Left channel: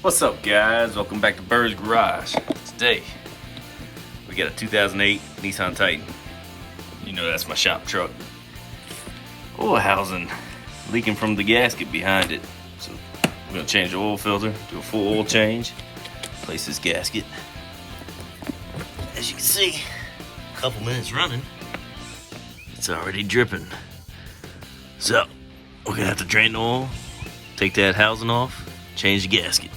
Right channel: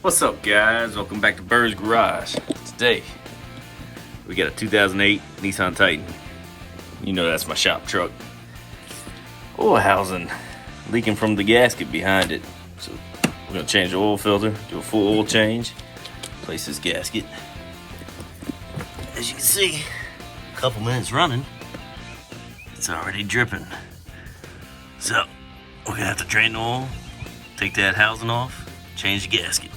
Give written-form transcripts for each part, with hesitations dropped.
What's up, guys? Welcome back to Bird's Garage. Today we got a 2008 Nissan Titan. You know that's my shop truck. Oil housing leaking from the gasket behind it. So we're gonna change the oil filter, do a full oil change, place this gasket. As you can see, a couple minutes running, it's already dripping. So we're gonna have to drain the oil, take that housing off, change the gasket.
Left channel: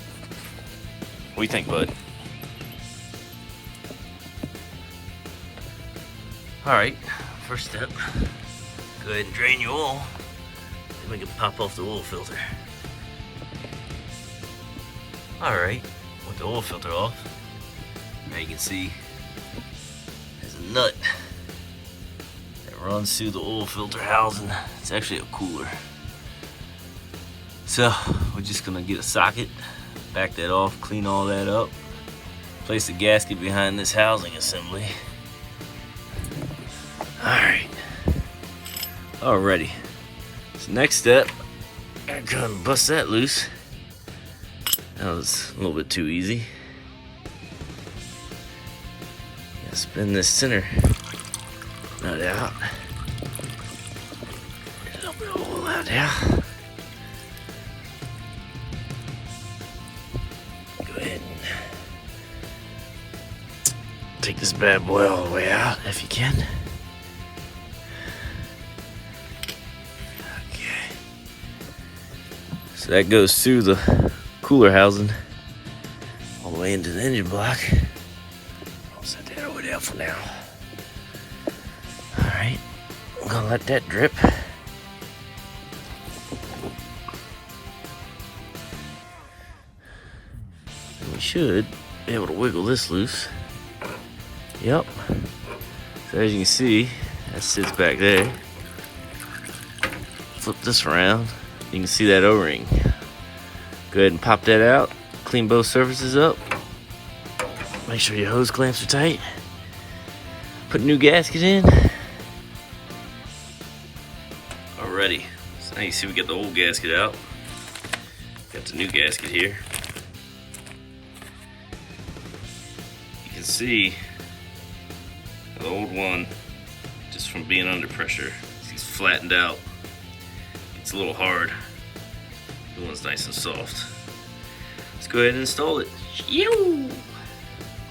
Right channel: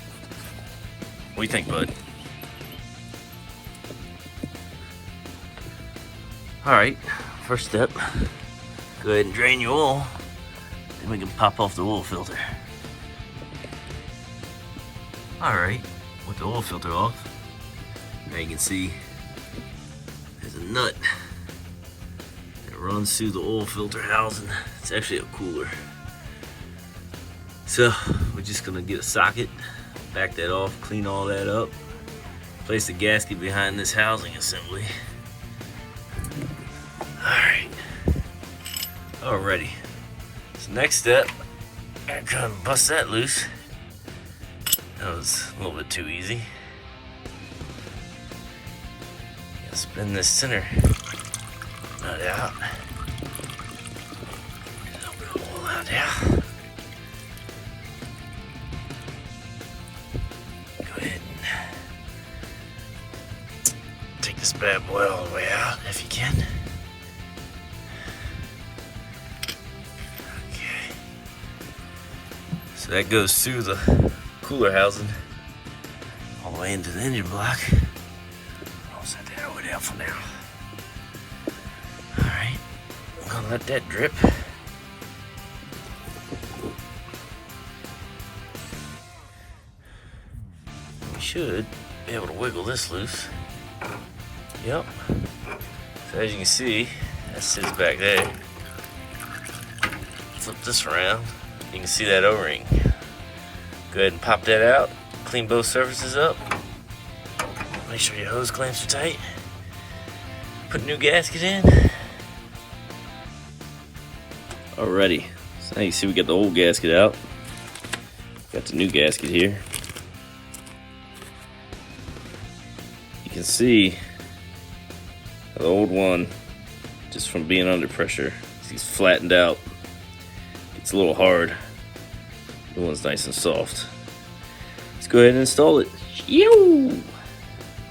What do you think, bud? Alright, first step, go ahead and drain your oil, and we can pop off the oil filter. Alright, with the oil filter off, now you can see there's a nut that runs through the oil filter housing. It's actually a cooler. So, we're just gonna get a socket, back that off, clean all that up, place the gasket behind this housing assembly. Alrighty. So next step, I'm gonna bust that loose. That was a little bit too easy. Spin this center right out. Pull that out. Take this bad boy all the way out if you can. Okay. So that goes through the cooler housing all the way into the engine block. I'll set that over there for now. Alright, I'm gonna let that drip. We should be able to wiggle this loose. Yep. So as you can see, that sits back there. Flip this around. You can see that O-ring. Go ahead and pop that out. Clean both surfaces up. Make sure your hose clamps are tight. Put a new gasket in. Alrighty. So now you see we got the old gasket out. Got the new gasket here. You can see the old one, just from being under pressure, he's flattened out. It's a little hard. The one's nice and soft. Let's go ahead and install it.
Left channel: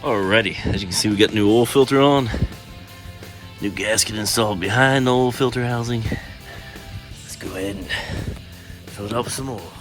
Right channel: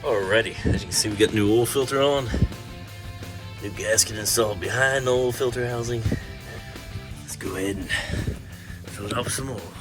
Alrighty, as you can see, we got new oil filter on. New gasket installed behind the oil filter housing. Let's go ahead and fill it up with some oil.